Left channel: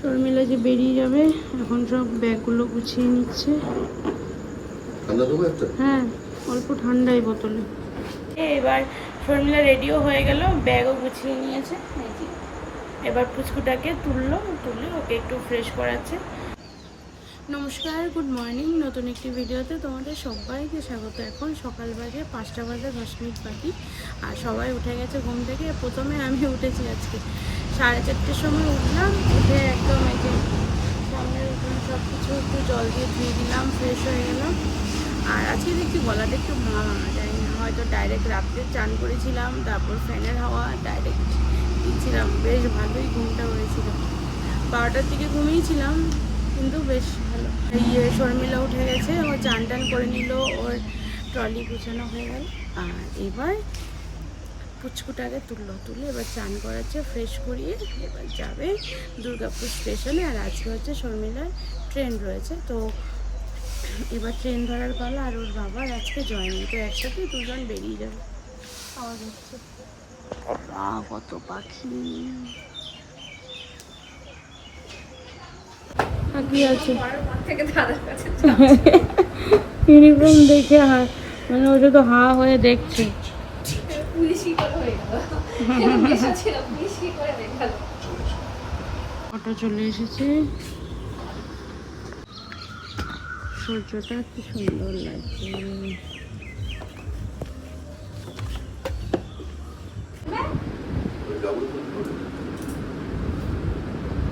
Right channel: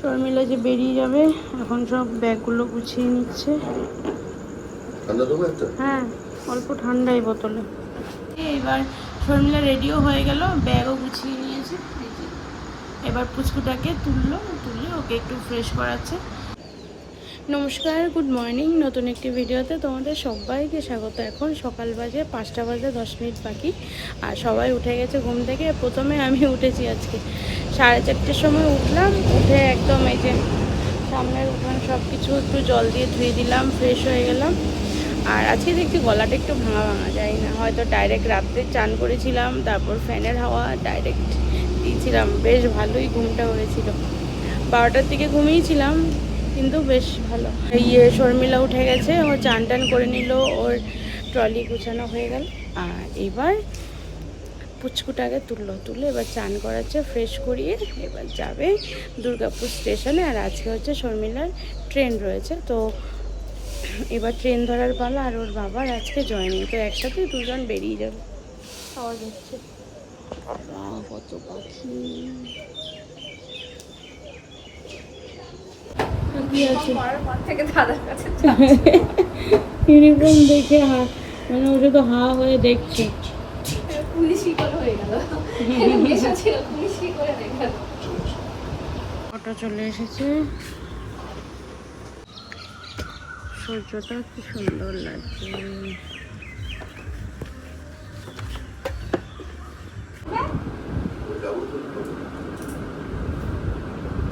শর্মিলা যে বেরিয়ে যাবে এখন সব ব্যাগগুলো গুছিয়ে নিচ্ছে। হ্যাঁ অল্প ঠান্ডাই বোতলে। এবার শর্মিলা রেডিও হয়ে গেল ব্যাগও গুছিয়ে নিয়েছে। এবার পুচকুটাকে তুললো তুলে ওকে একটু ফ্রেশ করাচ্ছে। নমস্কার গুড মর্নিং নতুন একটি ভিডিওতে তোমাদের সবাইকে স্বাগত। এখন সকাল বাজে, পাঁচটা বাজে, দশ মিনিট বাকি। আর সবাই উঠে গেছে ঘুম থেকে। প্রথমে আমি উঠেছি আজকে। সাড়ে চারটের সময় উঠলাম। উঠে একদম এই যে সামনের উঠান সব কিছু একটু জল দিয়ে ধুয়ে দিলাম ফ্রেশ হয়ে গেলাম। আর আজকে দেখছি গলাটা একটু ভাঙা ভাঙা যায় না। হয়তো ডাইরেক্ট রাত্রে চান করেছিলাম, তারপর ফ্যানের হাওয়া ডাইরেক্ট দিয়েছিলাম। বেশ ভালোই ঘুমটা হয়েছিল। বারোটার দিকে ঘুমিয়েছিলাম। কিন্তু বেশ ভালো। ইয়ে শর্মিলা উঠে গেছে ও চান টান করে নিল ওর ট্রলি গুছানো হয়ে গেল। আর এবার পুচকুটাকে তুললো তুলে এবার চান করাচ্ছে ফ্রেশ করিয়ে এবার যাবে দুর্গাপুর স্টেশনে। আর আজকে হচ্ছে শর্মিলার ট্রেন রয়েছে তো এবার ট্রেন ধরার পালা আর ওর বাবার আজকে জয়েনিং তো একসাথে দুজন বেরিয়ে যাবে। আওয়াজ হচ্ছে। কত পাখি। ইউনিফর্ম দেখে হা মানে ও শুধু হা হয়ে দেখছে। হয়ে হয়ে অটো চলে এসেছে। সূর্যটা কি সুন্দর লাগছে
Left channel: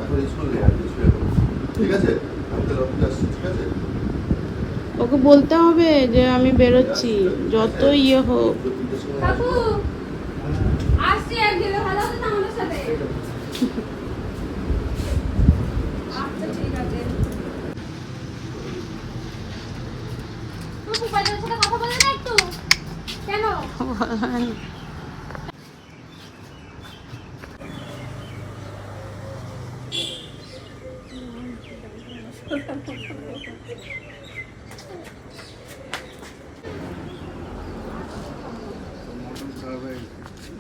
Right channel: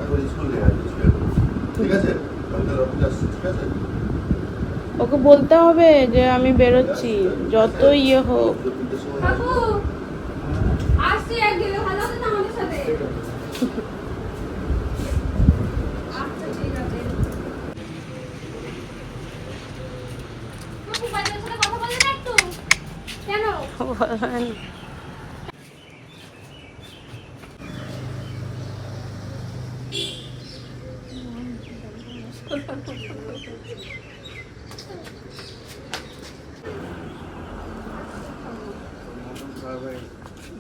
এখন স্কুল নেই আমি স্কুলে যাব। ঠিক আছে আমি তাহলে অফিসে আসছি ঠিক আছে ওকে বলতে হবে যে আমি বেরোচ্ছি যত ইয়ে হোক। তো তিনটের সময় কাকু আসছি আর গেলে ভালো হতো না আমাদের সাথে আচ্ছা ঠিক আছে কুকু বাইরের সাথে কথা বলে না একটু কেন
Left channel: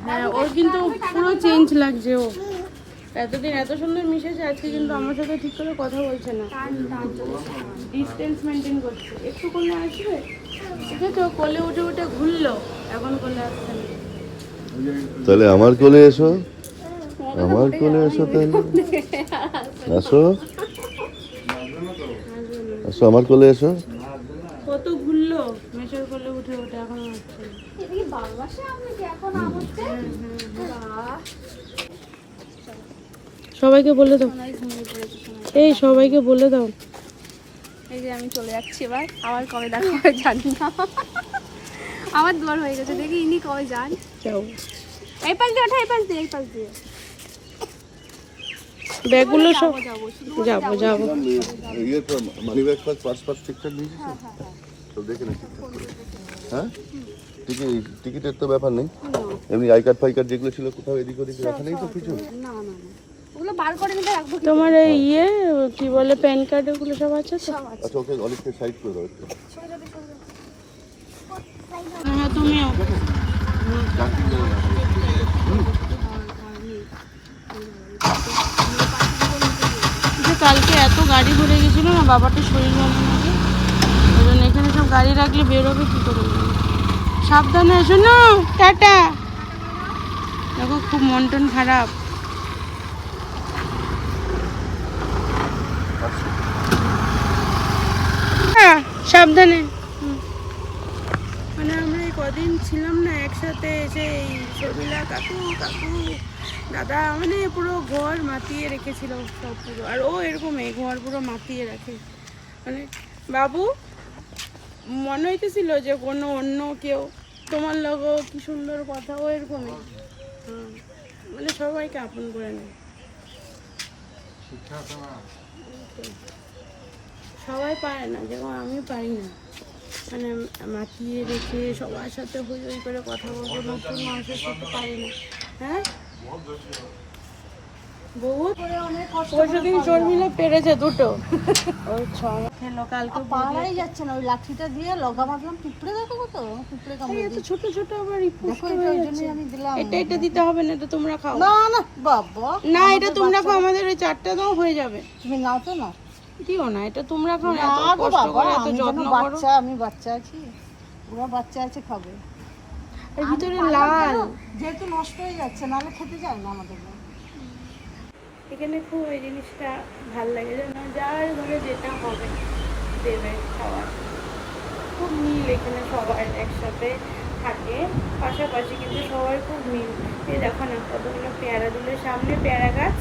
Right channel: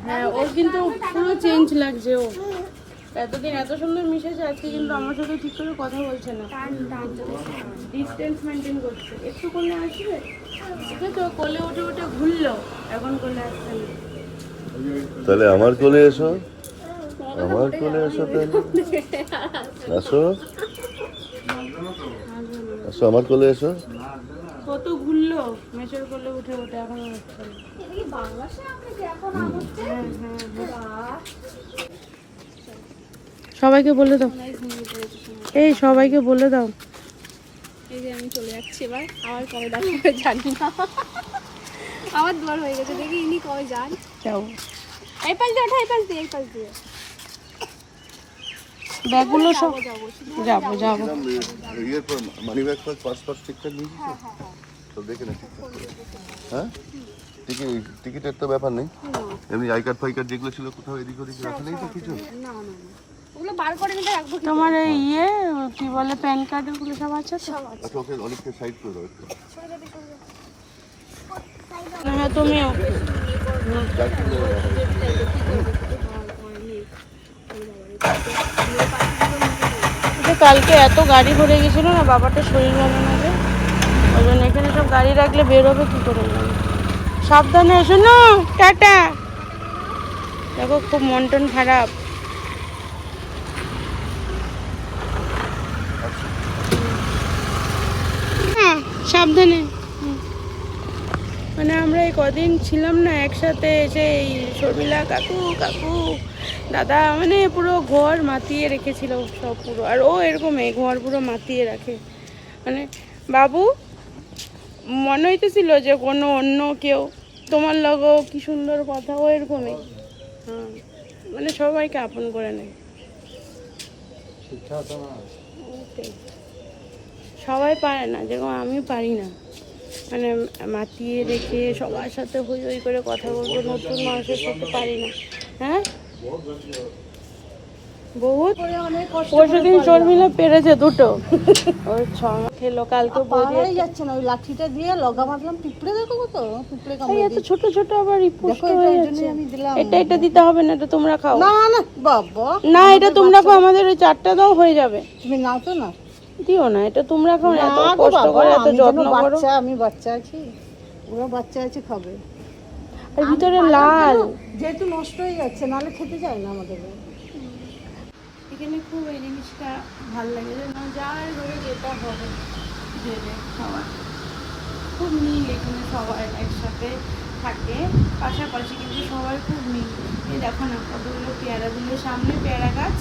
হ্যাঁ ওর কিন্তু পুরো চেঞ্জ লাগছে ও এতদিন এত সুন্দর মিশেছে আজকে কিন্তু আমার সাথে ঠিক করে কথা বলছে না। ডিস্টেন্স মেনটেন করছে। একটু কোলে আসবে? ঠিক আছে কোলে উঠে উঠে ঘুরলো এখন কোলে আসছে না। তাহলে আমার কোলে এসো। আমার কোলে এসো তাহলে। আসো। আসো আমার কোলে এসো। কত ঘুরলো মেশের কোলে উঠে উঠে এখন আসছে না। এটা বাংলাদেশে আপনি এখন হ্যাঁ হ্যাঁ হ্যাঁ। বাবা সবাইকে বলে দাও। এই সবাইকে বলে দাও। এই যে আমি চলে যাচ্ছি এবার। আবার কবে দেখা হবে জানি না। আমার হয়ে গেছে দেখি ইনি কবে যান। যাও। এই পাশ দিয়ে ওঠা এই পাশ দিয়ে এই পাশ দিয়ে। ব্যাগগুলো সব যাব যাব যাব money bag first pass pass ঠিকঠাক দিয়েছি তো? দেখে না। ঠিকঠাক করে হ্যাঁ? টিকিট টিকিটের তো ব্যাপার নেই। এমনি আই কার্ড ফাই কার্ড যেগুলো ছিল কোথাও এদিক ওদিক রাখা নেই তো কিছু? না না না ওগুলো বার করে নিতে রাখব তোমার এই ইয়ে কি বলে প্যান কার্ড ওগুলো সব আছে তো? আচ্ছা ওকে অনেকটা সাইড করে দাও একটু হ্যাঁ তুমিও। যে কালকে এত গাড়ি ভরে গেছিল না বাবাটা শরীর ভালো না যে? ওই জন্য এখানে সব গাড়ি রাখলে বেরোবে কি করে। সাবধানে এসো না টাটা। দেখো খুব মন টন খারাপ। সাবধানে। হুম। মানে আমরা এই কদিন ছিলাম না একসাথে এসে এই শর্মিলা কাকু কাকু দাদা মানে পুরো ঘর মাতিয়ে রেখেছিল সব পুরো। আর ও এরকমই ঘর পুরো মাতিয়ে রাখে। মানে বাবু মনে হইতেছিল যে কোনো অন্য কেউ তোমার লগেও কি সুন্দর কথা ও এরকমই। মানে সবাইকে আপন করে নেয়। সবাই পারে না যেরকম আমি পারি না। মানে মাতিয়ে রেখে সবার সাথে হই হই করে কথা বলব নতুন মানুষের সাথে পারি না। হ্যাঁ? বহুত করে অনেক কষ্ট পরশু দিন শর্মিলা পেরেছে দুটো। ওই ছ খেলো কালকে বৌদি যাচ্ছে না ওই লাঠিটা দিয়ে লগা মারলাম পিঁপড়ে দেখো তো পিঁপড়ে কামড়ে এত ছোট ছোট আবার হয়ে যাচ্ছে। এটা এটা দিতে হবে না এটা তোমরা খাও। না না না বাবা। না এটা তোমরা খাও আমাদের ওই চারটা দাও হয়ে যাবে। তুমি নাও তো না দিও না এটা তোমরা খাও না, এত কষ্ট করে এত যত্ন করো। বাচ্চা আমি বাচ্চা আছি। ওরা বাচ্চা আছে খাবে। আর ভিতরে লাল। যেহেতু নষ্ট হয়ে যাচ্ছে নাহলে খেতে যায় না আমাদের এখানে খুব এই জিনিসটা ভালো লাগে যেন যার ঘরে যেটা হবে দেবে খাবার খুব মিল এখানে সবার একসাথে থাকে। পাশাপাশি কিন্তু সবাই খুব মিল। এই দেখো না কতগুলো পেয়ারা দিলে সামনে পেয়ারা গাছ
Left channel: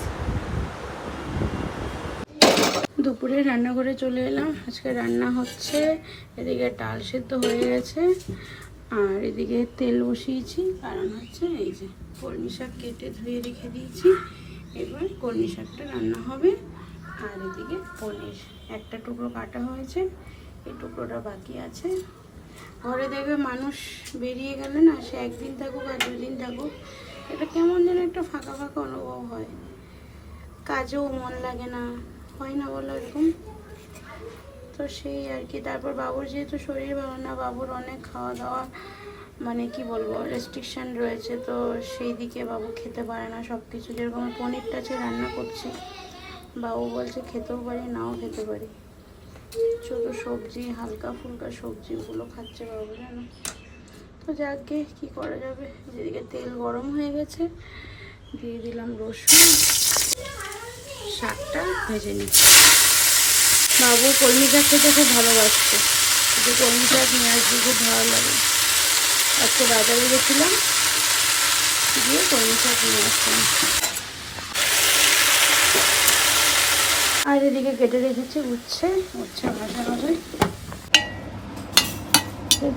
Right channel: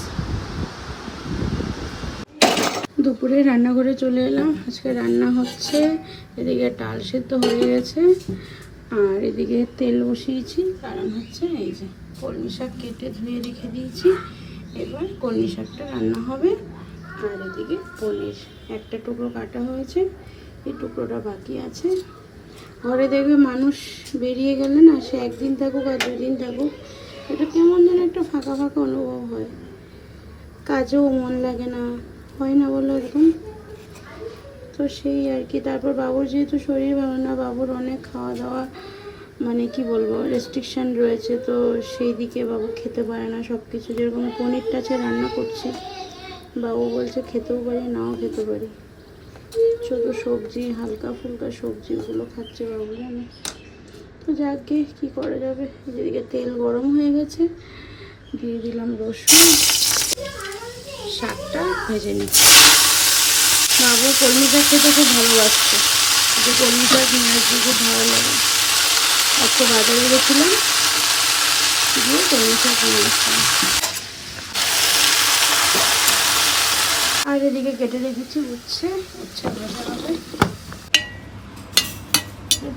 দুপুরে রান্নাঘরে চলে এলাম। আজকে রান্না হচ্ছে এদিকে ডাল সেদ্ধ হয়ে গেছে, আর এদিকে তেল বসিয়েছি। কারণ হচ্ছে এই যে কলমি শাক কেটে ধুয়ে রেখে দিয়েছি। এবার কলমি শাকটা রান্না হবে। আর এদিকে পনির একটা টুকরো কাটা হয়েছে। এই টুকরোটা বাকি আছে। ঘরে দেখবে মানুষ বেরিয়ে গেলে না, সে একদিন থাকুক আর দুদিন থাকুক, এটা কেমন যেন একটা ফাঁকা ফাঁকা অনুভব হয়। কাজেও মন লাগে না। হয় না বলো এরকম? তো সেই আর কি, তারপর বাবুর যেহেতু শরীর ভালো না, বাবুর অনেক খাওয়া দাওয়া মানে কি বলব রেস্ট্রিকশান রয়েছে, তো সেই দিকে বাবু খেতে পারে না সব কিছু যেরকম পনিরটা আছে রান্না করছি, বাবু বলছে খেতেও পারি, নাও খেতে পারি। শুধু সবজি, হালকা ফুলকা সবজি ওগুলো খাচ্ছে বাবু জানো। তো যাকে কি করা যাবে? যেদিকে তেল গরম হয়ে গেছে, দিয়ে দিলাম রসুন। শাকটা ভেজে নিচ্ছি। বাবু কলমি খেতে খুব ভালোবাসছে যে কলমি শাক নিয়ে খুব ভালো লাগে। আজকে বাজারে গেছিলাম, গিয়ে কলমি শাক নিয়ে আসলাম। আর এদিকে কেটে রেখেছি, উচ্ছে উচ্ছে ভাজা হবে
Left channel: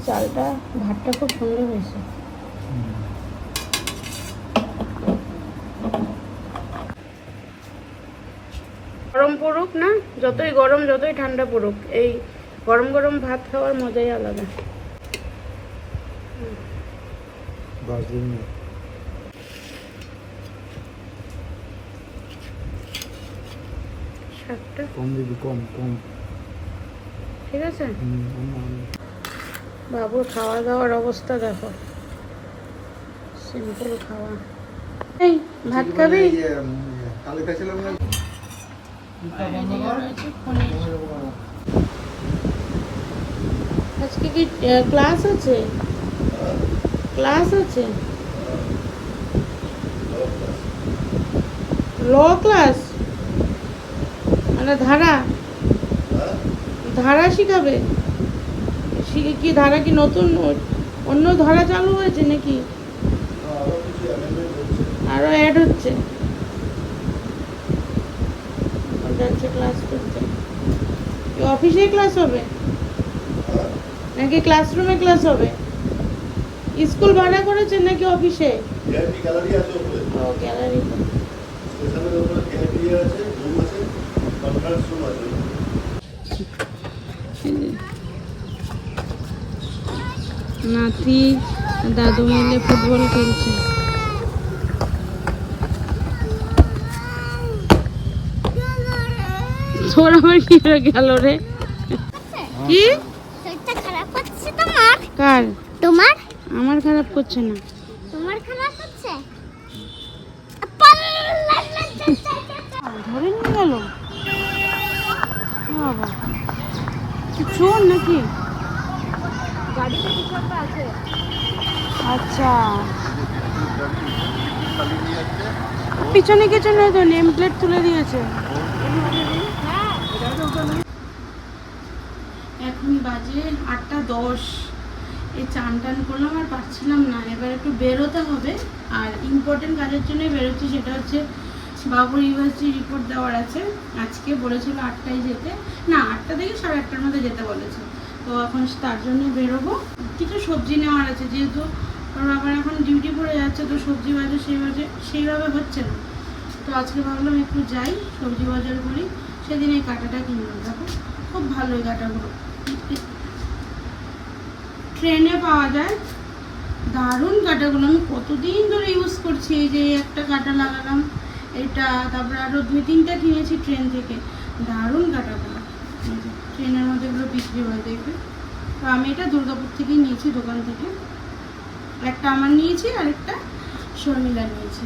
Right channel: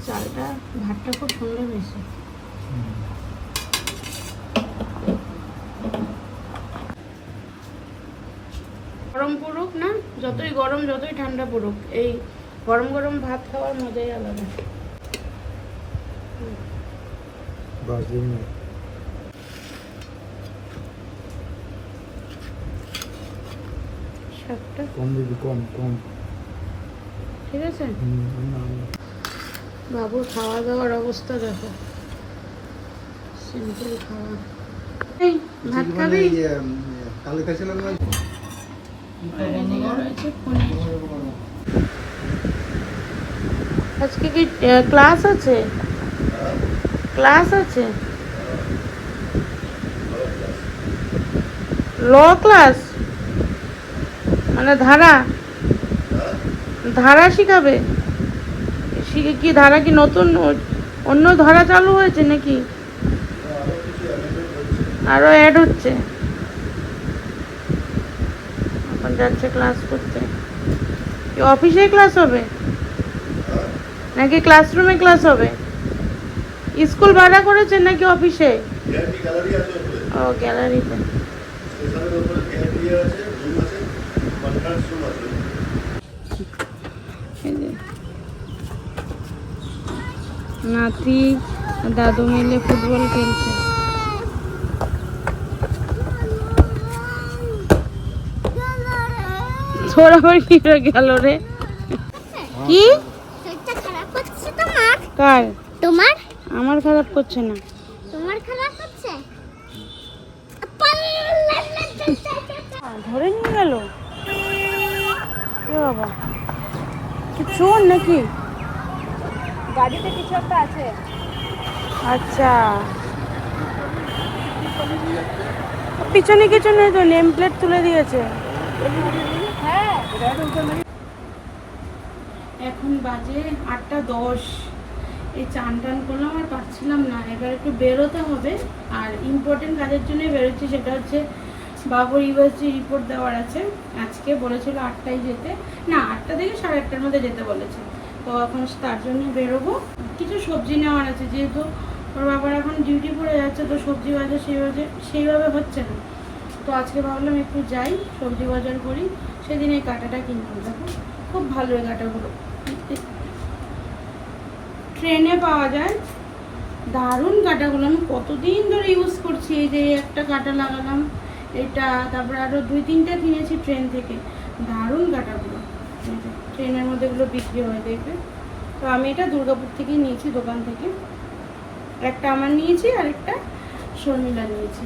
চালটা, ভাতটা খুব সুন্দর হয়েছে। গরম পড়ুক না যতই গরম যতই ঠান্ডা পড়ুক এই গরম গরম ভাত খাওয়ার মজাই আলাদা। কম দিবি কম কম। ঠিক আছে। বাবুর খাওয়া দাওয়ার অবস্থা দেখো। সিম্পল খাওয়া। এই ভাত খাবি? এদিকে রয়েছে পনির। আজকে কি ক্লাস আছে? ক্লাস আছে? ল ক্লাস মানে ধারা? ধারা শিখাবে? শিখে কি ধারা কি নতুন? অন্য ধারা চালু হয়েছে নাকি? আরও অ্যাড হচ্ছে এখন যাচ্ছে ক্লাস করতে অফিসে ক্লাস হবে? নাকি ক্লাসরুমে ক্লাস হবে? স্কুল ভাড়া করেছে নাকি অফিসে? ও গ্যালারিতে নাতি দাদু মিলে ফুটবল খেলছে। তোর আবার কি গেল রে? কি? শরীরটা খারাপ হচ্ছে তোমার? কার? তোমার? আমার খারাপ করছে না। তোমার খারাপ হচ্ছে? ধরে নিয়ে গেল? বাবা। চোর নাকি? আচ্ছা। পিছনে পিছনে তো নেম প্লেট তুলে দিয়েছে। এখন বাজে আটটা দশ। এই চান টান করলাম আর পারছিলাম না। এবার একটু বেরোতে হবে। আর ইম্পর্টেন্ট কাজের জন্যই বেরোচ্ছি, সেটা হচ্ছে বাবুর ইউএসজি রিপোর্ট দেওয়ার আছে। আজকে বলেছিল আটটায় যেতে। না, আটটা থেকে সাড়ে আটটার মধ্যে যেতে বলেছে। তো এখন তার জন্যই বেরোবো। কিছু সবজি নেওয়ার আছে, যেহেতু ওর বাবার এখন ডিউটি পড়ে যাচ্ছে, তো সবজি বাজার সেইভাবে সেইভাবে হচ্ছে না। তো আজকে ভাবলাম একটু যাই, সবজি বাজার করি। সেদিন এই কাঁটাটা কিনলাম। দেখো, খুব ভালো এই কাঁটাগুলো। ট্রেনে পাওয়া যায়। দারুণ কাঁটাগুলো। আমি কতদিন ধরে ইউজ করছি এই যে একটা কাঁটা লাগালাম। এটা তারপরে আরও দুই তিনটা কিনেছি ট্রেন থেকে। দারুণ কাটাগুলো। ট্রেনের মধ্যে এগুলো বিক্রি হয়, দেখবে। তো আমি এটা দুর্গাপুর থেকেই নিয়েছি, দোকান থেকে। একটা আমার নিয়েছি আর একটা শর্মিলা নিয়েছি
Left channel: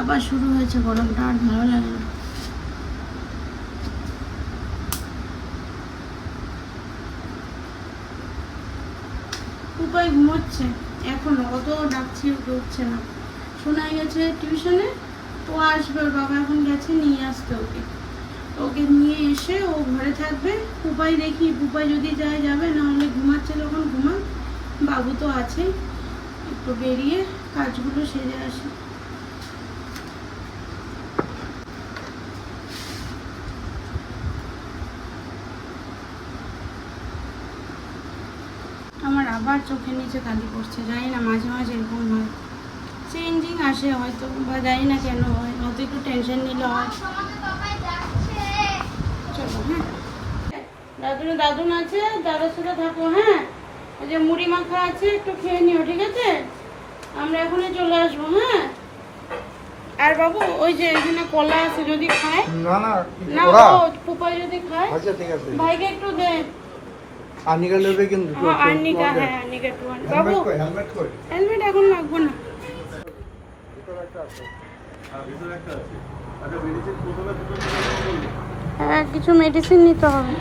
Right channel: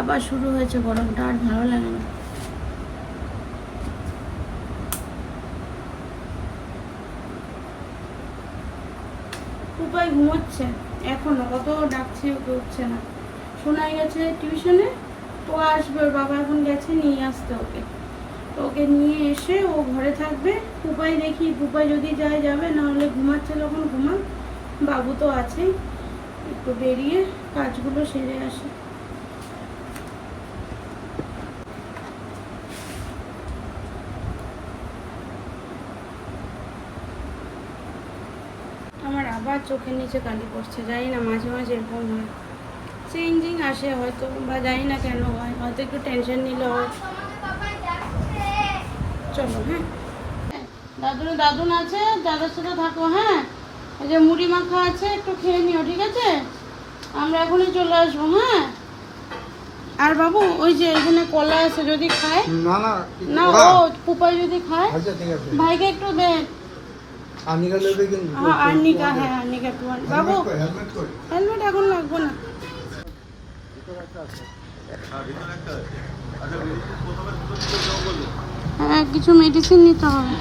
আবার শুরু হয়েছে গরমটা, আর ভালো লাগে না। উপায় ঘুমোচ্ছে। এখনও, কত ডাকছে ওকে উঠছে না। শোনা গেছে টিউশনে, ও আসবে বাবা এখন গেছে, নিয়ে আসতে ওকে। তো ওকে নিয়ে এসে ও ঘরে থাকবে। পুপাই দেখি, পুপাই যদি যায়, যাবে, নাহলে ঘুমাচ্ছে যখন ঘুমা বাবু তো আছেই। একটু বেরিয়ে কাজগুলো সেরে আসে আমার আবার চোখের নিচে কালি পড়ছে জানি না মাঝে মাঝে এরকম হয়। চেঞ্জিং আসে হয়তো বা জানি না কেন হয় হয়তো একটু টেনশন নিলে হয়। চলো হ্যাঁ। দাদুন দাদুন আছে দাদার সাথে থাকো হ্যাঁ। এই যে মুড়ি মাখা আছে একটু খেয়ে নিও ঠিক আছে? আমরা এখনই চলে আসব হ্যাঁ। আর বাবু ওই যে এখানে কলা আছে যদি খায়? না না না যদি খায়? আচ্ছা ভাইকে একটু দে। আনিকা নেবে কিন্তু হ্যাঁ আর্নিকা হ্যাঁ আর্নিকা আন। বাবু হেলমেট এখন লাগবে না। হ্যাঁ কিছু মেডিসিন নিতে হবে।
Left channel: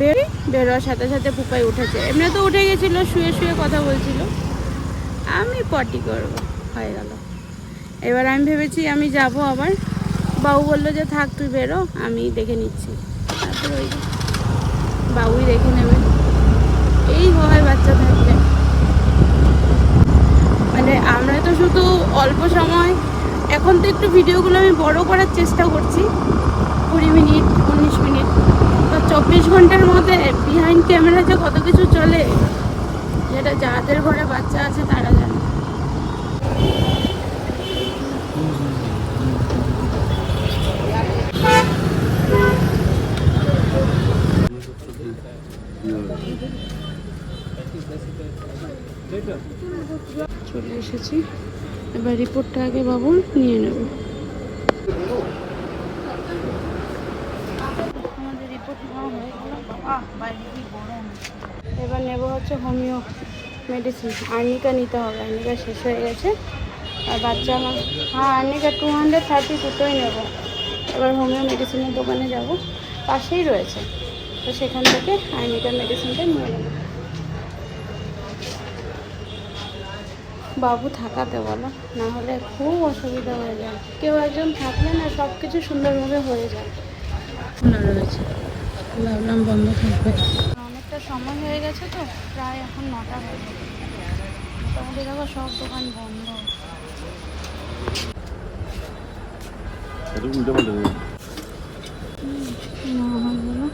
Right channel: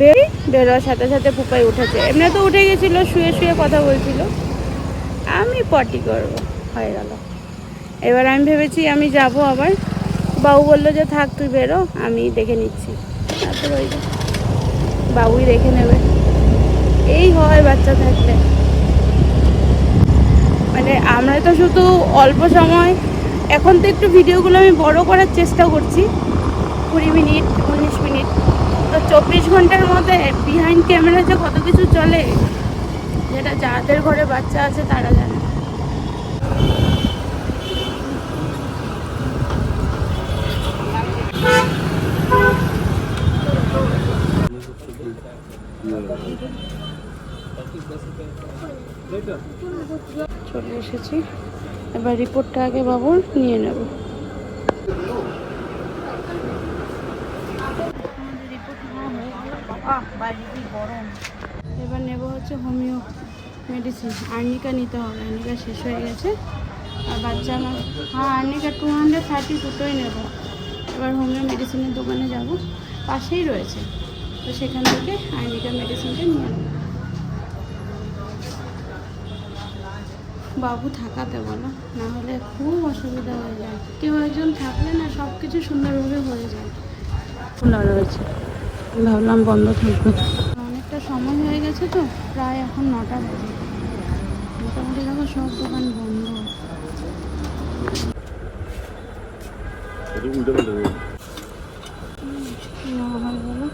বেরি বেরোয়ার সাথে সাথে পুপাই উঠেছে। এমনি তো উঠে গেছিল শুয়ে শুয়ে কথা বলছিল। আমি পটি করব। হয়ে গেল। এবার আমি ভেবেছি আমি যাব আবার। বাবু বলল যে, থাক, তুই বেরো, আমি দেখে নিচ্ছি। তারপরে ওই বাবুই দেখে নেবে। এই হয় বাচ্চা থাকলে। মানে আমরা তো শুধু অল্প সময়। এখন তো একটু ভিডিওগুলো আমি বড় করার চেষ্টা করছি। কুড়ি মিনিট, উনিশ মিনিট। তো চব্বিশ ঘণ্টার মধ্যে বিহাইন্ড ক্যামেরা যে কত কিছু চলে, যেটা যাদের ঘরে বাচ্চা আছে তারা জানে। চলে এবার রিপোর্টটা আগে বাবুর নিয়ে নেব। আমাদের রিপোর্ট নেওয়া হয়ে গেল। বাবা বাইরে কি গরম? এবার নেব হচ্ছে হোমিও মেডিসিন আর্নিকা নিতে হবে। আর্নিকা শেষ হয়ে গেছে। আর বাচ্চা আমার হ্যাঁ আর্নিকা টু হান্ড্রেড থার্টি দুটোই নেব। এবার হোমিও মেডিসিনের দোকানে যাব। পাশেই রয়েছে। তো সেখান থেকে আর্নিকা মেডিসিনটা নিয়ে নেব। বাবু থাকাতে বলো না হলে খুব অসুবিধা হয়ে যায়। কেউ একজন থাকলে না সব কিছু সুন্দরভাবে হয়ে যায়। খোলা রয়েছে। ভাবলাম বন্ধ থাকবে। অনেকটা সময় হয়ে গেছে তো প্রায় এখন নটা বাজে। মোটামুটি দেখো সব দোকান বন্ধ এটা উল্টো পাল্টা হয়ে গেছে। কি নেওয়া হয় বলো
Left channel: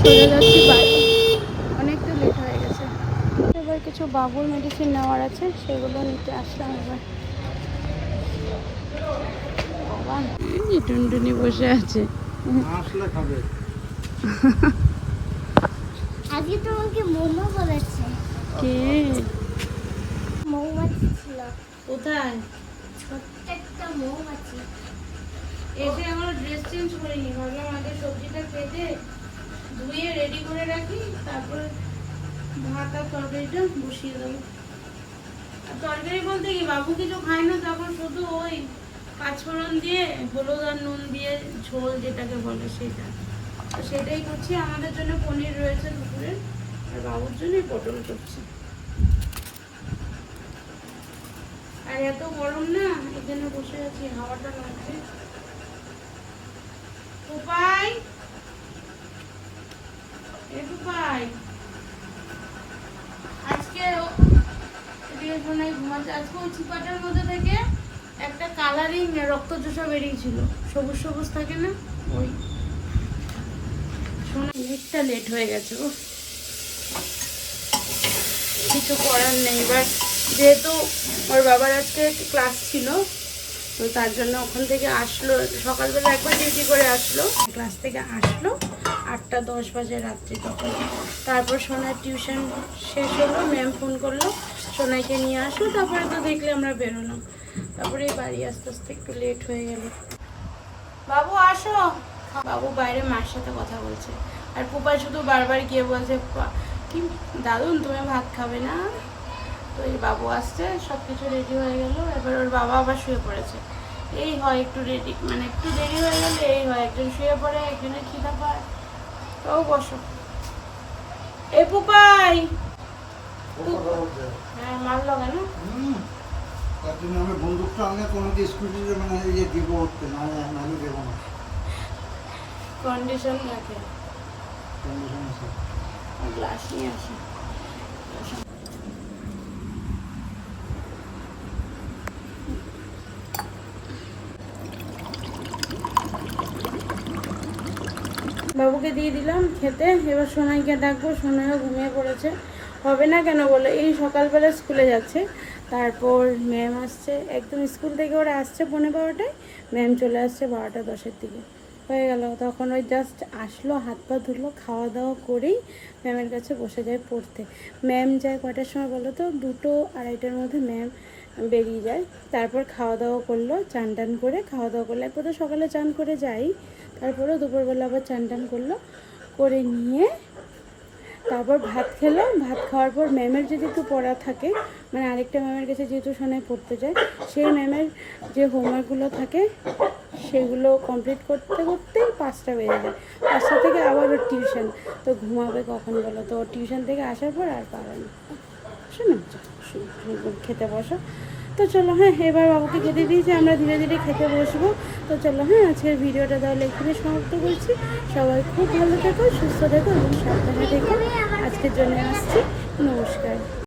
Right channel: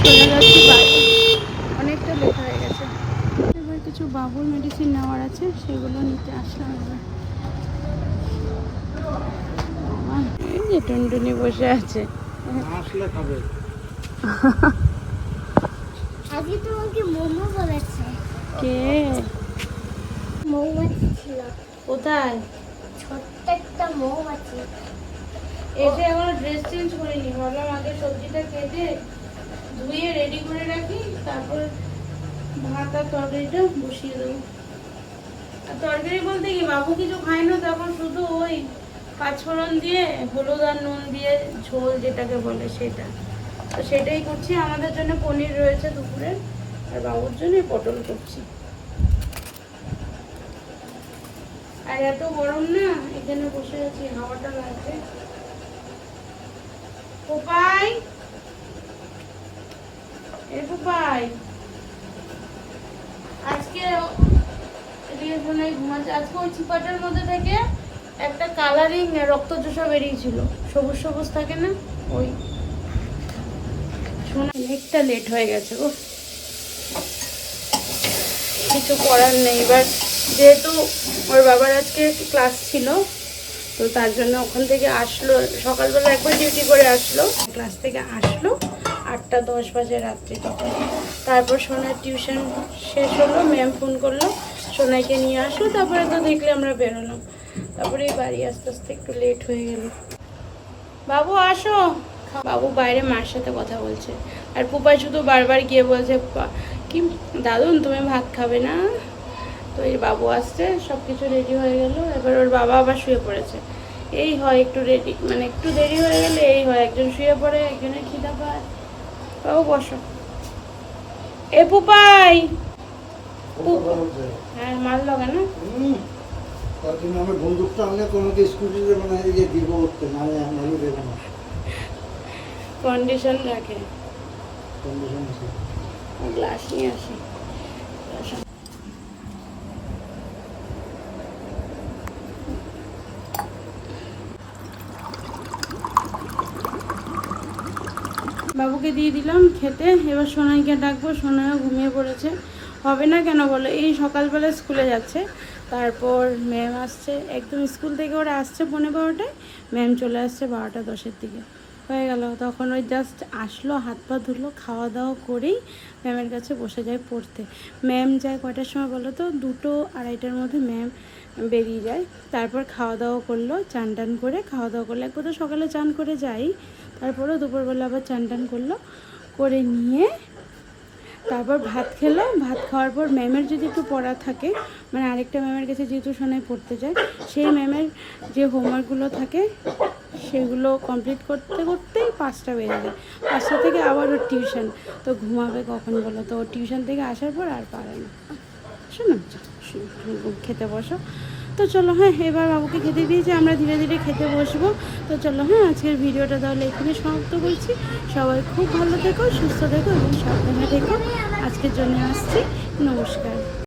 চলো এবার যাচ্ছি বাড়ি অনেকটা লেট হয়ে গেছে। এবার কিছু বাবুর মেডিসিন নেওয়ার আছে সেগুলো নিতে আসলাম এবার। টুনটুনি বসে আছে। আজকে তোমাকে মোমো বলেছে। কে? মৌমাছি ছিল। কোথায়? ছোট্ট একটা মৌমাছি এসে এখন ড্রেস চেঞ্জ করিনি ভাবলাম আগে সবজিটা কেটে ধুয়ে রেডি করে রাখি, তারপর ভাত আর তরকারিটা বসিয়ে দেবো। আর তরকারি বলতে কি, বাবু কিছু খায় না, তখন শুধু ওই পাঁচফোড়ন দিয়ে হলুদ আর নুন দিয়ে ঝোল যেটাকে বলে সেটা। তো সেটাই করছি। আমাদের জন্য পনির রয়েছে দুপুরে, আর বাবুর জন্য পটল করছি। আর এত গরম না, এখানে বসে আছি, হাওয়াটা লাগছে। পোপাই আজকে আজকে ওই মধ্যে থেকে একটা কালারিং বেরিয়েছিল। সবুজ সবুজ থাকে না? ওই। লেট হয়ে গেছে ও কিছু করার নেই। এবার যেহেতু ওর বাবার আজকে ক্লাস ছিল, তো তার জন্য ওখান থেকে আসলো। সকালবেলা একবার ডিউটি করে আসলো। ক্লাস থেকে আসলো। আটটা দশ বাজে রাত্রি তখন। তারপর সোনার টিউশন শেষ হলো, ম্যাম ফোন করল, সোনাইকে নিয়ে আসলো তারপরে তো দেখলে আমরা বেরোলাম। তারপরে বাড়ি আস্তে আস্তে একটু লেট হয়ে গেল। বাবু, আসো। বাবু বাইরে মার সাথে কথা বলছে। আর পুপা শুধু বারবার গিয়ে বলছে কি দাদুন তুমি ভাত খাবে না? তো এই বাবু আসছে সব কিছু রেডি হয়ে গেল। এবার ওর বাবা আবার শুয়ে পড়েছে। এই হয় একটু রেডি মানে একটু দেরি হয়ে গেলে এই হয়। একজন শুয়ে পড়ে, একজনের খিদা পায়। তাও বসো। এ পুপাই হ্যাঁ মার লগা না? তার জন্য আমার বন্দুকটা আনলে তোমাকে যে দিব করতে না নাহলে দেবো না। কন্ডিশন রাখে। কন্ডিশন আছে। গ্লাস নিয়ে আসে। বাবুকে দিয়ে দিলাম খেতে। এবার সোনাইকে ডাকবো, সোনাইও ঘুমিয়ে পড়েছে। হবে না কেন বলো? এই সকালবেলা স্কুলে যাচ্ছে। তারপর ম্যাম আসছে। একদম স্কুল থেকে ওরা আসছে পনেরো বারোটায়। ম্যাম চলে আসছে বারোটা দশের দিকে। হয়ে গেল। তখন ওই জাস্ট আসলো, হাত পা ধুলো, খাওয়া দাওয়া করেই ম্যামের কাছে বসে যায় পড়তে। ম্যাম যায় কয়টার সময় বলো তো? দুটো আড়াইটার মধ্যে ম্যাম বেরিয়ে যায়। তারপর খাওয়া দাওয়া করল, চান টান করে খাওয়া দাওয়া করল। একবার তো সকালে চান করে যাই। তারপরেও দুপুরবেলা আবার চান টান করল, করে নিয়ে তারপর ভাত খেলো। ভাত খাওয়ার পর ম্যামের যদি একটু পড়া থাকে মানে আরেকটা ম্যামের কাছে যেহেতু সোনায় পড়তে যায়, সেই ম্যামের যে হোমওয়ার্কগুলো থাকে, সেগুলো কমপ্লিট করতে করতেই পাঁচটা বেজে যায়। পাঁচটা থেকে আবার ওর টিউশন। তো ঘুমাবে কখন বলো? তো টিউশন থেকে আসার পর আর পারে না। শোনো খেতে বসো। তো চলো হ্যাঁ এবার বাবুকে খেতে দিয়েছি আমরা ধীরে ধীরে খেতে বসবো। তো চলো হ্যাঁ আজকের ভিডিওটা তাহলে এখানে সমাপ্ত করছি। সবাই খুব ভালো থেকো, সুস্থ থেকো এবং সাবধানে থেকো। আজকের জন্য আসছি। নমস্কার।